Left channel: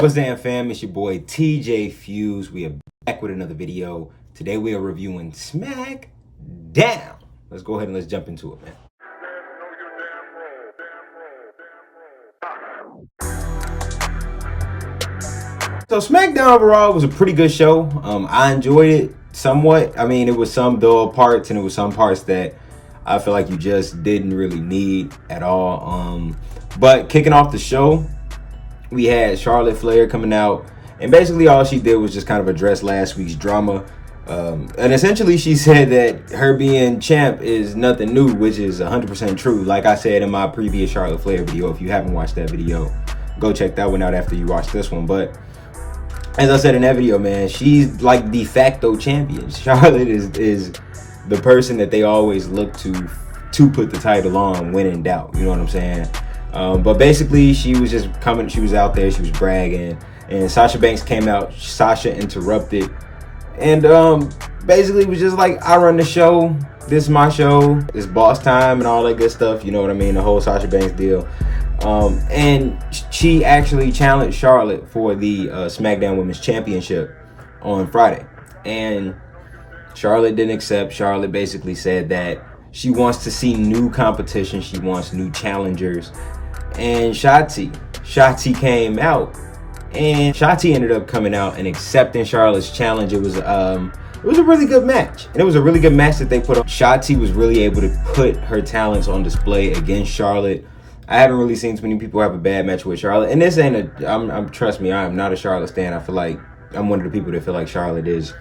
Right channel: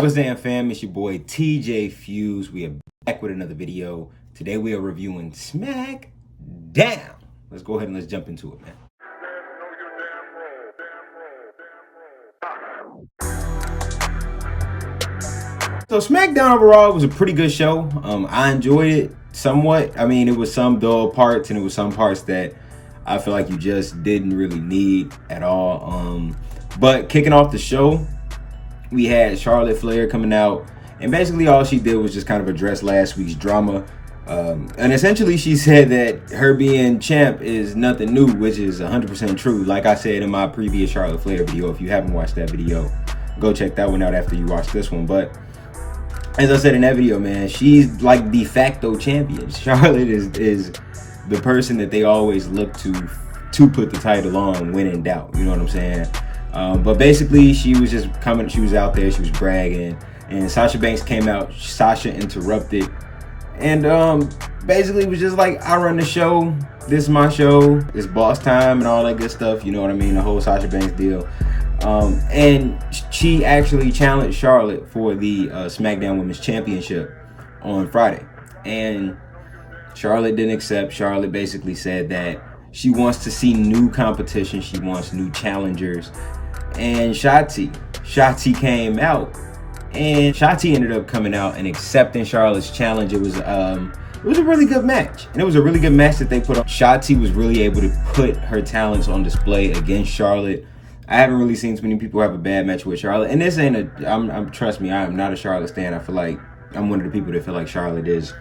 What's up, fam? It's your boy TJ Fuse. We are back with another video. Today we are reviewing Smackdown. Let's go ahead and let's jump into it, man. So Smackdown overall was a pretty good show. I enjoyed it somewhat. I mean, it was some dull parts and it was some parts that I feel like you just didn't really need at all. But kicking off the show, we had Charlotte Flair coming out, and basically all she did was just kind of address last week's drama. And essentially she said that her being champ is nothing new, which is 100% true. Like I said in my previous Charlotte Flair video, if you haven't watched that video, go check that one out after you watch this one. But as I said in that video, man, she's like de facto champion. Charlotte is the person that they always look to put the title on when in doubt. You know what I'm saying? But basically, she was just coming. She was out there. She was bragging, and Sasha Banks came out. Sasha interrupted, and basically was just like, "I run the show. This is my show. It's boss time, and all that good stuff." You know what I mean? The whole Sasha Banks deal. And she actually challenged Charlotte for the SmackDown Women's Championship on Friday, and Charlotte didn't accept. Charlotte basically said that she wants to see new competition. She wants new challengers. And Shotzi came out, and Shotzi ended up coming out and accepting Charlotte's challenge. It was a really good match, and it was a really good match that they put on. Shotzi was really able to put her talents on display against Charlotte. I haven't really seen too many people have a bad match with Charlotte, and this ain't trust me, I am not a Charlotte stan. I feel like I'm one of the people that feel like Charlotte is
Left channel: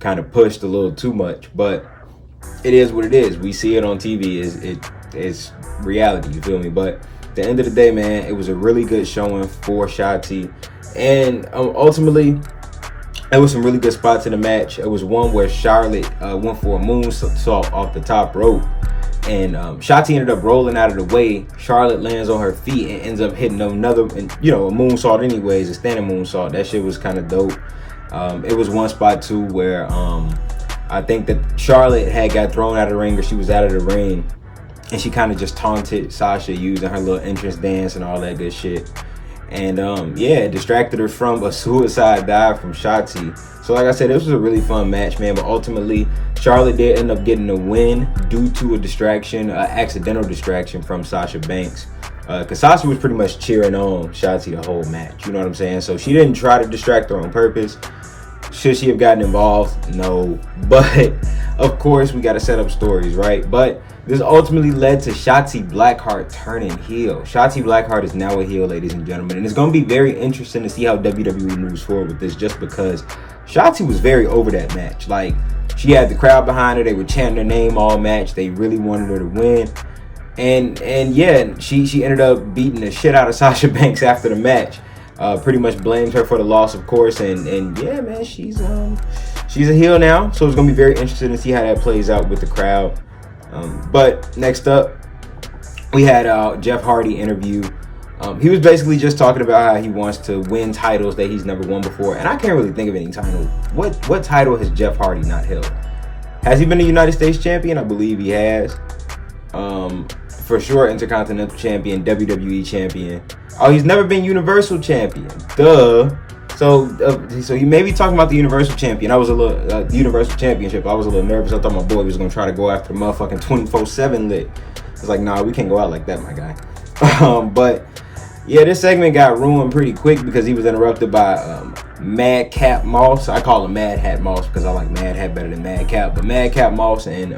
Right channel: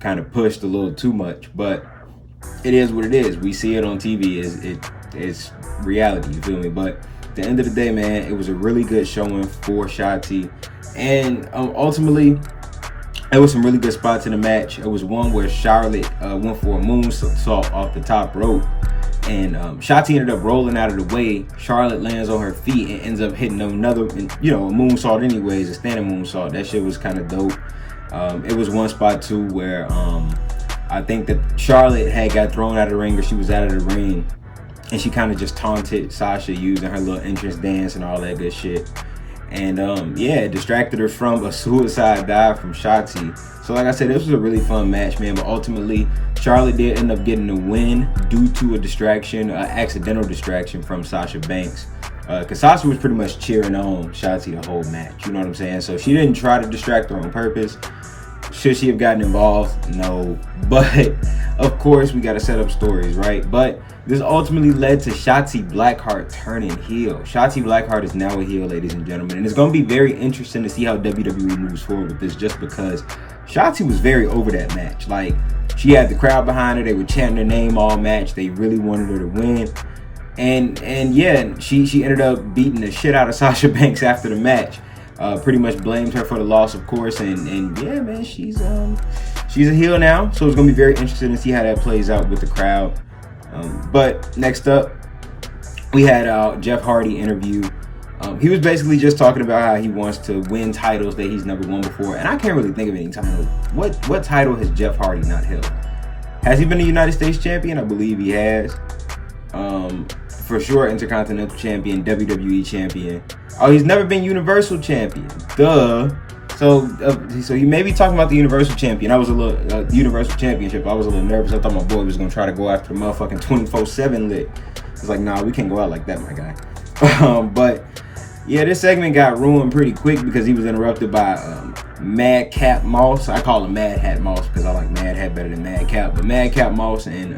kind of pushed a little too much, but it is what it is. We see it on TV. It's reality, you feel me? But at the end of the day, man, it was a really good showing for Shotzi, and ultimately there was some really good spots in the match. It was one where Charlotte went for a moonsault off the top rope, and Shotzi ended up rolling out of the way. Charlotte lands on her feet and ends up hitting another, a moonsault anyways, a standing moonsault. That shit was kind of dope. It was one spot too where I think that Charlotte had got thrown out of the ring, or she was out of the ring, and she kind of just taunted Sasha using her little entrance dance and all that good shit. And it distracted her from a suicide dive from Shotzi. So like I said, this was a really fun match, man. But ultimately, Charlotte did end up getting a win due to a distraction, an accidental distraction from Sasha Banks. Because Sasha was pretty much cheering on Shotzi the whole match. You know what I'm saying? So she didn't try to distract her on purpose. Should she have gotten involved? No. But of course, we got to set up stories, right? But this ultimately led to Shotzi Blackheart turning heel. Shotzi Blackheart is now a heel, ladies and gentlemen. And it's going to be very interesting to see how WWE moves forward with this, just because Shotzi was very over that match. Like, she had the crowd behind her. They were chanting her name all match. They really wanted her to win. And yeah, she ended up beating the shit out of Sasha Banks after the match. Pretty much blamed her for the loss, of course, and yeah, man, she's a heel now, so it's gonna be very interesting to see how that plays out with the crowd. But next up, we had Jeff Hardy interview. He was basically just talking about how he wants to win titles that he's never won before, and I can't really think of any title. What title has Jeff Hardy not held? Has he been a United States champion? I believe he has. For sure, Intercontinental champion, WWE champion. Oh, he's never been Universal champion. Duh. So he may be talking about the Universal champion. I was a little Universal championship. I was a little nervous. I thought my boy was gonna try to go after motherfucking 24/7 lit. It's like, nah, we can't go out like that, my guy. But yeah, this segment got ruined pretty quick because he was interrupted by Madcap Moss. I call him Mad Hat Moss because I like Mad Hat better than Madcap. But Madcap Moss and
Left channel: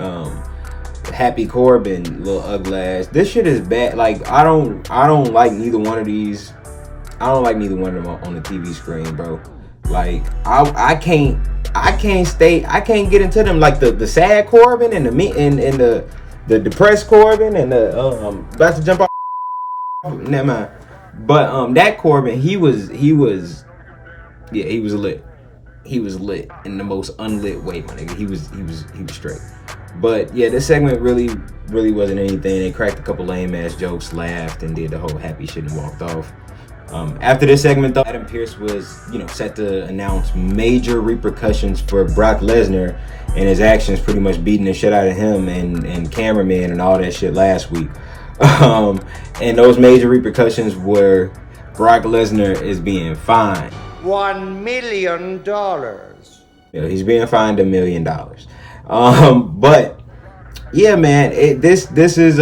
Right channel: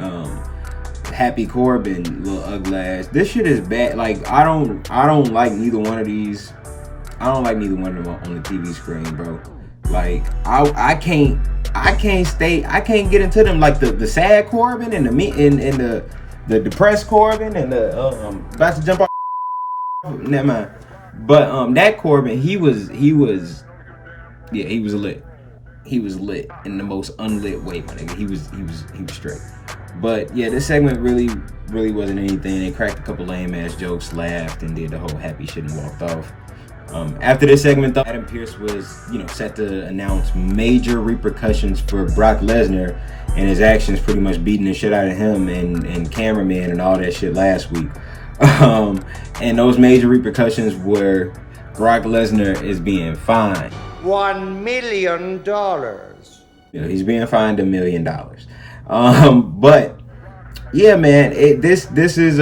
Happy Corbin, little ugly ass. This shit is bad. Like, I don't like neither one of these. I don't like neither one of them on the TV screen, bro. Like, I can't get into them. Like the sad Corbin and the depressed Corbin and the about to jump off. Never mind. But that Corbin, he was lit. He was lit in the most unlit way, my nigga. He was straight. But yeah, this segment really wasn't anything. They cracked a couple lame ass jokes, laughed, and did the whole happy shit and walked off. After this segment, though, Adam Pearce was, set to announce major repercussions for Brock Lesnar and his actions, pretty much beating the shit out of him and cameraman and all that shit last week. And those major repercussions were Brock Lesnar is being fined $1 million. He's being fined $1 million. But yeah, man, this is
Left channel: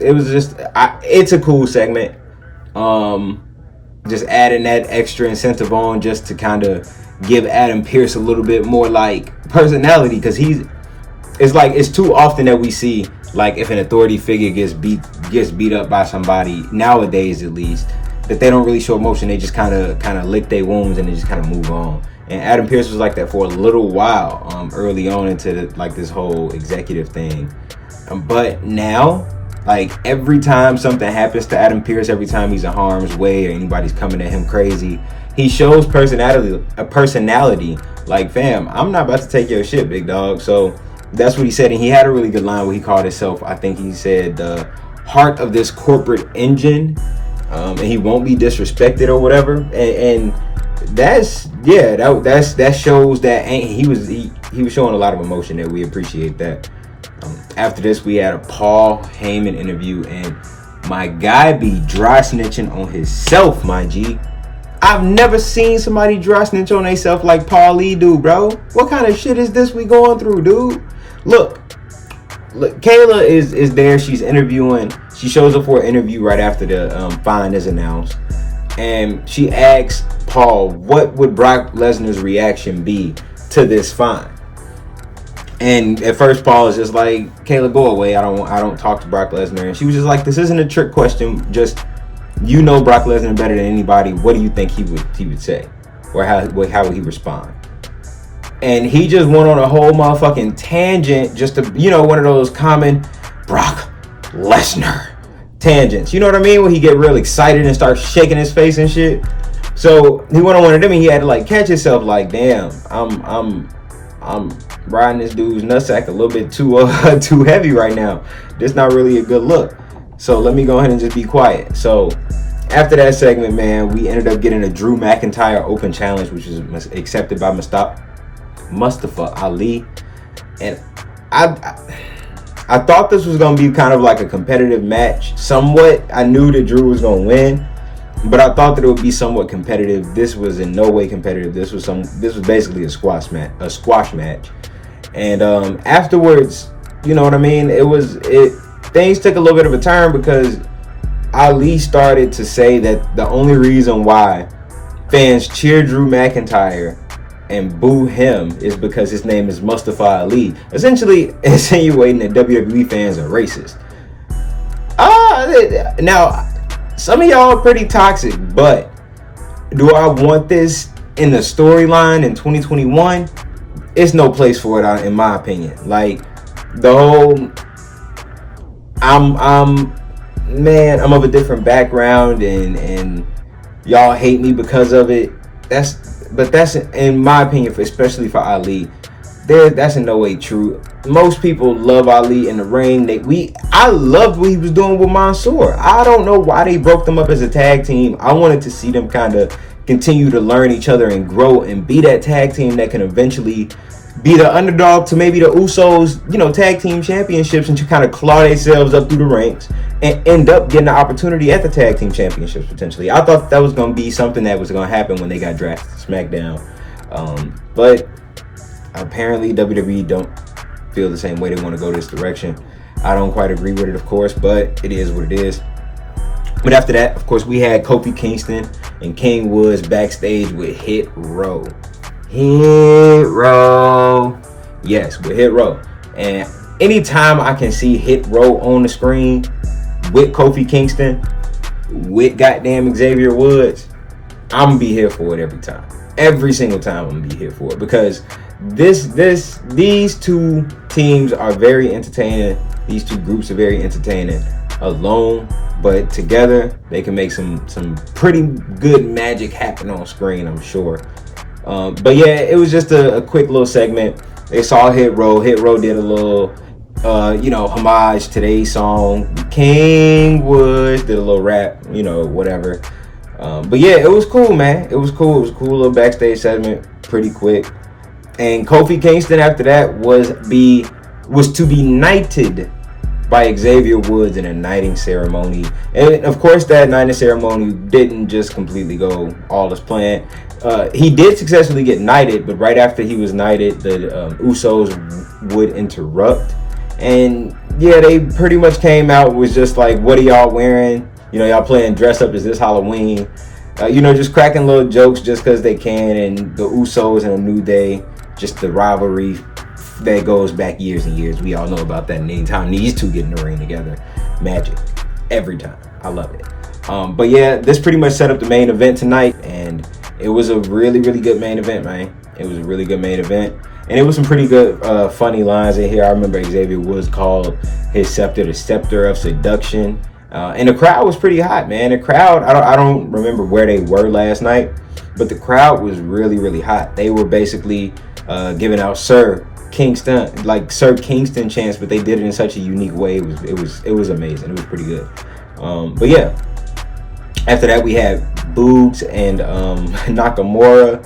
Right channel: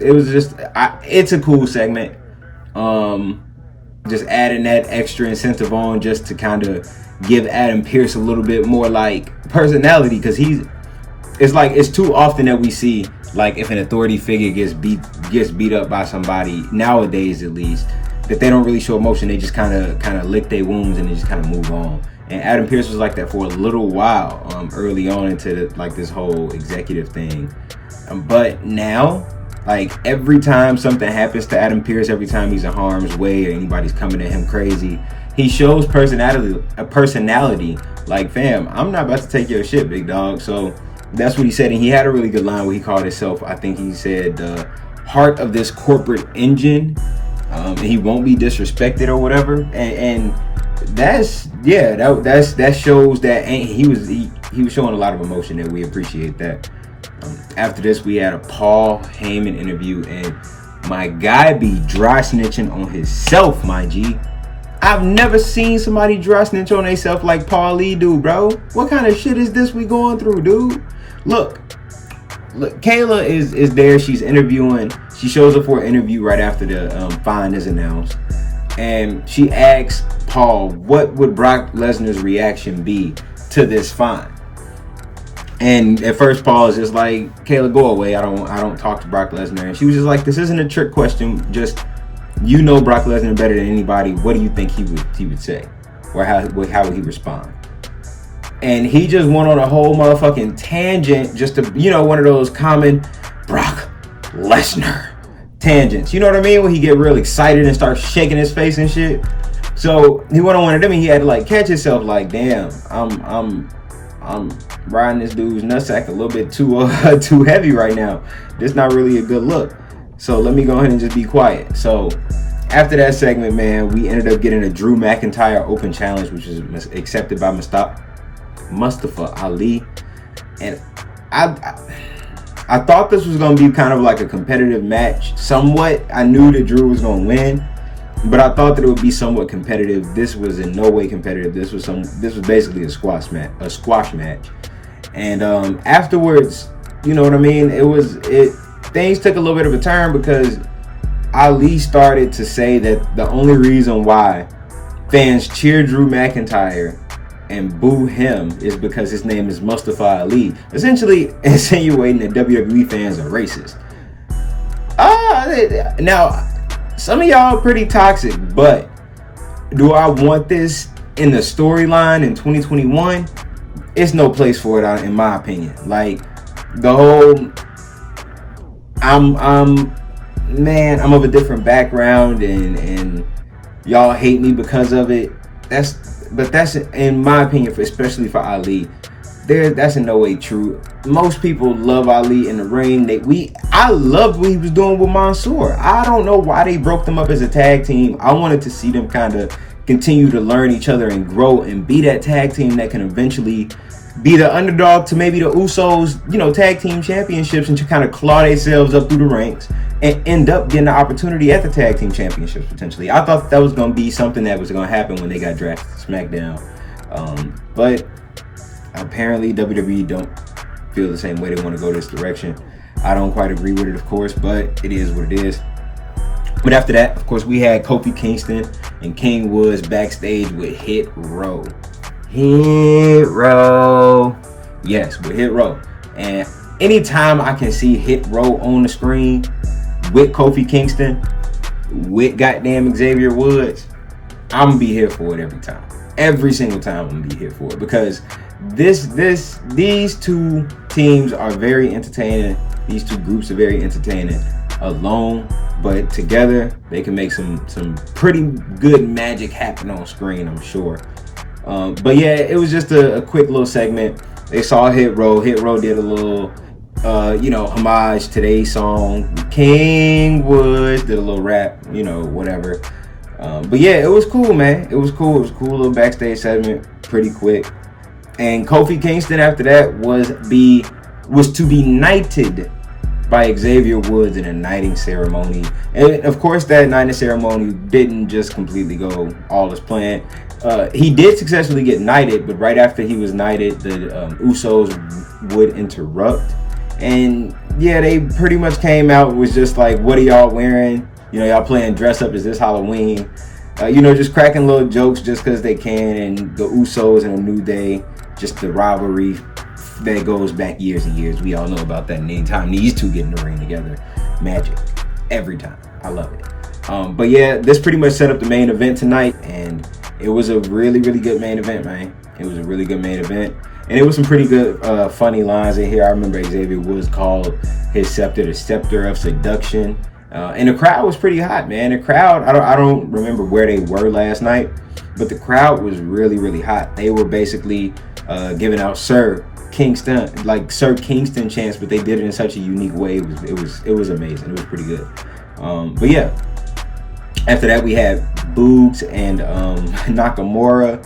it's a cool segment. Just adding that extra incentive on just to kind of give Adam Pearce a little bit more like personality, because it's too often that we see, like, if an authority figure gets beat up by somebody nowadays, at least, that they don't really show emotion. They just kind of lick their wounds and they just kind of move on. And Adam Pearce was like that for a little while, early on into like this whole executive thing. But now, like, every time something happens to Adam Pearce, every time he's in harm's way or anybody's coming at him crazy, he shows personality. Like, fam, I'm not about to take your shit, big dog. So that's what he said. And he had a really good line where he called himself, I think he said, the heart of this corporate engine. And he won't be disrespected or whatever. And that shows that he was showing a lot of emotion there. We appreciate that. After this, we had a Paul Heyman interview, and my guy be dry snitching on himself, my G. I've never seen somebody dry snitch on themselves like Paul Lee do, bro. What kind of shit is this we going through, dude? Look, Kayla is there. She's interviewing. She shows up for an interview right after the fine is announced, and she asks Paul, what would Brock Lesnar's reaction be to this fine? And at first, Paul is just like, Kayla, go away. I don't talk to Brock Lesnar. And she was just like, this isn't a trick question. Just, you know Brock Lesnar better than anybody. What do you think he would say, or how would he respond? And he just went on a whole motherfucking tangent, just to, one of those common Brock Lesnar tangents. You know what I mean? When he get real excited and start shaking his face and shit. So he went on one of them, and he had to like catch himself, like, damn, I'm riding this dude's nutsack a little bit too heavy right now. This not really a good look. So let me go ahead and just be quiet. So after that segment, man, we ended up getting a Drew McIntyre Open Challenge, which was accepted by Mustafa Ali. And I thought this was going to be kind of like a competitive match. Somewhat, I knew that Drew was going to win, but I thought that it would be somewhat competitive. This was in no way competitive. This was basically a squash match. And afterwards, you know what I mean? Things took a little bit of a turn, because Ali started to say that the only reason why fans cheer Drew McIntyre and boo him is because his name is Mustafa Ali, essentially insinuating that WWE fans are racist. Now, some of y'all are pretty toxic, but do I want this in the storyline in 2021? It's no place for it, in my opinion. Like, the whole, I'm of a different background, and y'all hate me because of it. That's in my opinion, especially for Ali. That's in no way true. Most people love Ali in the ring. I loved what he was doing with Mansoor. I don't know why they broke them up as a tag team. I wanted to see them kind of continue to learn each other and grow and be that tag team that can eventually be the underdog to maybe the Usos, tag team championships, and to kind of claw themselves up through the ranks and end up getting the opportunity at the tag team championships potentially. I thought that was going to be something that was going to happen when they got drafted to SmackDown. But apparently WWE don't feel the same way. They want to go this direction. I don't quite agree with it, of course, but it is what it is. But after that, of course, we had Kofi Kingston and King Woods backstage with Hit Row. Yes, with Hit Row. And anytime I can see Hit Row on the screen with Kofi Kingston, with goddamn Xavier Woods, I'm gonna be here for it every time. Every single time I'm gonna be here for it, because these two teams are very entertaining. These two groups are very entertaining alone, but together they can make some pretty good magic happen on screen, I'm sure. But yeah, it was just a quick little segment. They saw Hit Row. Hit Row did a little homage to their song. King Woods did a little rap, whatever. But yeah, it was cool, man. It was cool. It was a cool little backstage segment, pretty quick. And Kofi Kingston after that was to be knighted by Xavier Woods in a knighting ceremony. And of course, that knighting ceremony didn't just completely go all as planned. He did successfully get knighted, but right after he was knighted, the Usos would interrupt. And yeah, they pretty much came out, was just like, what are y'all wearing? You know, y'all playing dress up, is this Halloween? You know, just cracking little jokes just because they can. And the Usos and a New Day, just the rivalry that goes back years and years. We all know about that. And anytime these two get in the ring together, magic. Every time. I love it. But yeah, this pretty much set up the main event tonight. And it was a really, really good main event, man. It was a really good main event. And it was some pretty good, funny lines in here. I remember Xavier Woods called his scepter the scepter of seduction. And the crowd was pretty hot, man. The crowd, I don't remember where they were last night, but the crowd was really, really hot. They were basically giving out Sir Kingston chants, but they did it in such a unique way. It was amazing. It was pretty good. But yeah, after that we had Boogs and Nakamura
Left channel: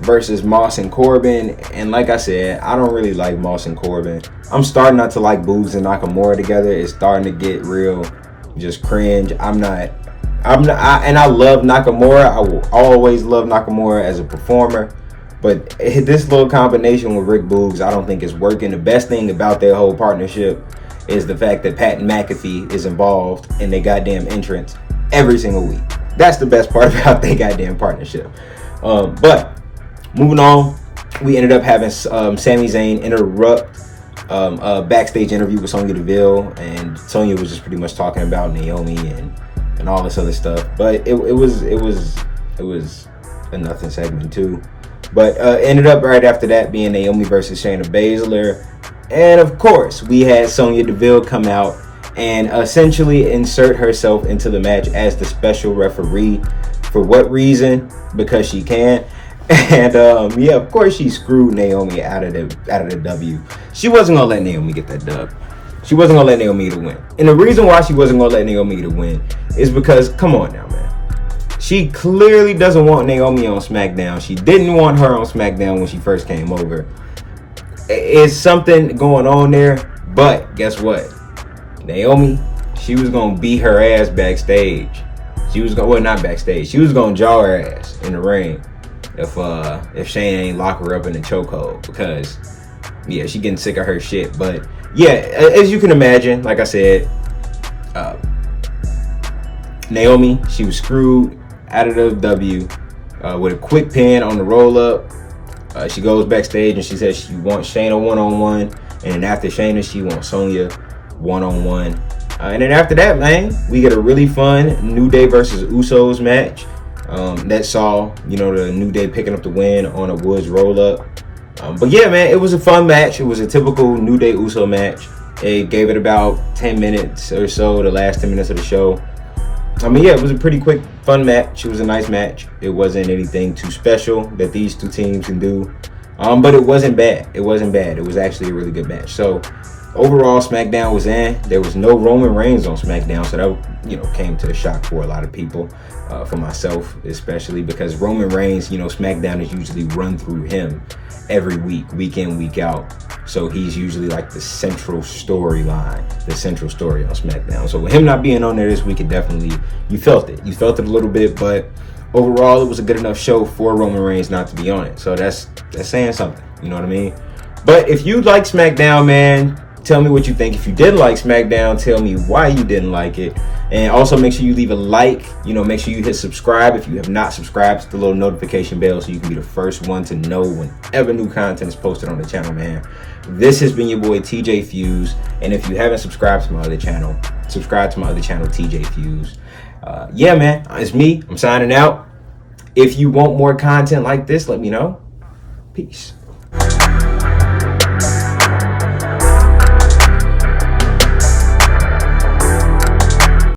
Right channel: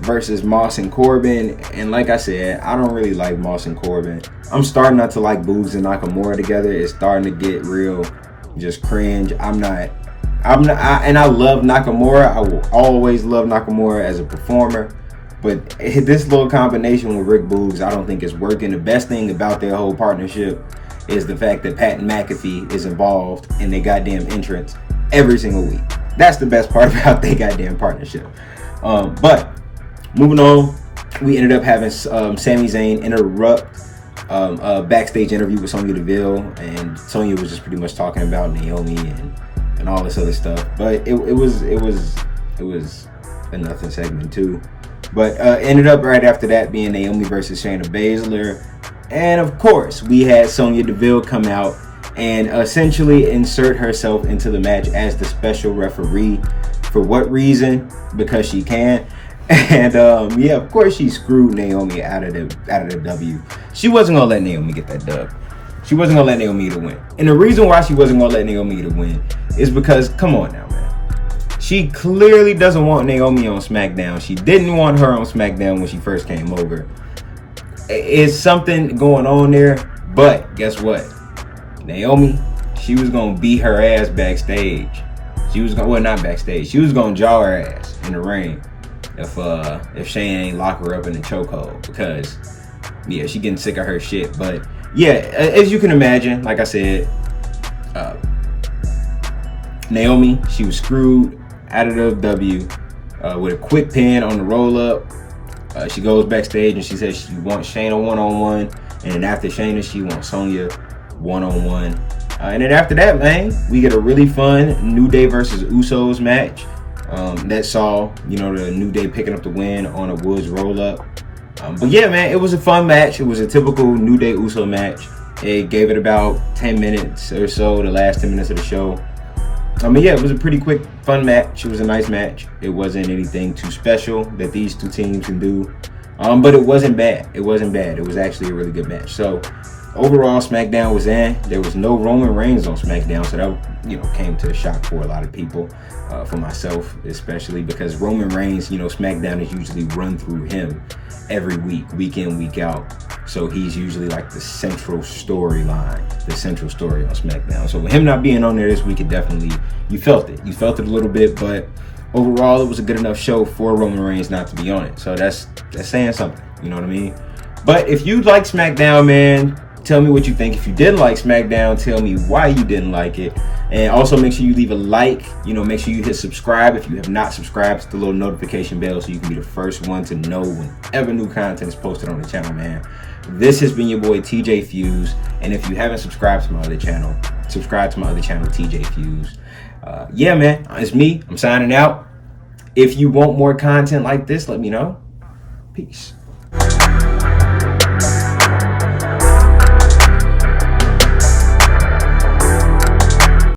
versus Moss and Corbin. And like I said, I don't really like Moss and Corbin. I'm starting not to like Boogs and Nakamura together. It's starting to get real just cringe. And I love Nakamura. I will always love Nakamura as a performer, but this little combination with Rick Boogs, I don't think is working. The best thing about their whole partnership is the fact that Pat McAfee is involved in their goddamn entrance every single week. That's the best part about their goddamn partnership. But moving on, we ended up having Sami Zayn interrupt a backstage interview with Sonya Deville, and Sonya was just pretty much talking about Naomi and all this other stuff. But it was a nothing segment too. But ended up right after that being Naomi versus Shayna Baszler. And of course, we had Sonya Deville come out and essentially insert herself into the match as the special referee. For what reason? Because she can. And yeah, of course she screwed Naomi out of the W. She wasn't gonna let Naomi get that dub. She wasn't gonna let Naomi to win. And the reason why she wasn't gonna let Naomi to win is because, come on now, man. She clearly doesn't want Naomi on SmackDown. She didn't want her on SmackDown when she first came over. It's something going on there. But guess what? Naomi, she was gonna beat her ass backstage. She was gonna, well, not backstage. She was gonna jaw her ass in the ring if Shayna ain't lock her up in the chokehold, because yeah, she getting sick of her shit. But yeah, as you can imagine, like I said, Naomi, she was screwed out of the W with a quick pin on the roll up. She goes backstage and she says she wants Shayna one-on-one, and then after Shayna, she wants Sonya one-on-one. And then after that, man, we get a really fun New Day versus Usos match. That saw, you know, the New Day picking up the win on a Woods roll-up. But yeah, man, it was a fun match. It was a typical New Day Uso match. It gave it about 10 minutes or so, the last 10 minutes of the show. I mean, yeah, it was a pretty quick, fun match. It was a nice match. It wasn't anything too special that these two teams can do. But it wasn't bad. It wasn't bad. It was actually a really good match. So overall, SmackDown was in. There was no Roman Reigns on SmackDown, so that, you know, came to a shock for a lot of people, for myself especially, because Roman Reigns, you know, SmackDown is usually run through him every week in, week out. So he's usually like the central storyline, the central story on SmackDown. So with him not being on there this week, it definitely, you felt it a little bit, but overall, it was a good enough show for Roman Reigns not to be on it. So that's saying something, you know what I mean? But if you like SmackDown, man, tell me what you think. If you didn't like SmackDown, tell me why you didn't like it. And also make sure you leave a like. You know, make sure you hit subscribe if you have not subscribed to the little notification bell so you can be the first one to know whenever new content is posted on the channel, man. This has been your boy TJ Fuse. And if you haven't subscribed to my other channel, subscribe to my other channel, TJ Fuse. Yeah, man, it's me. I'm signing out. If you want more content like this, let me know. Peace.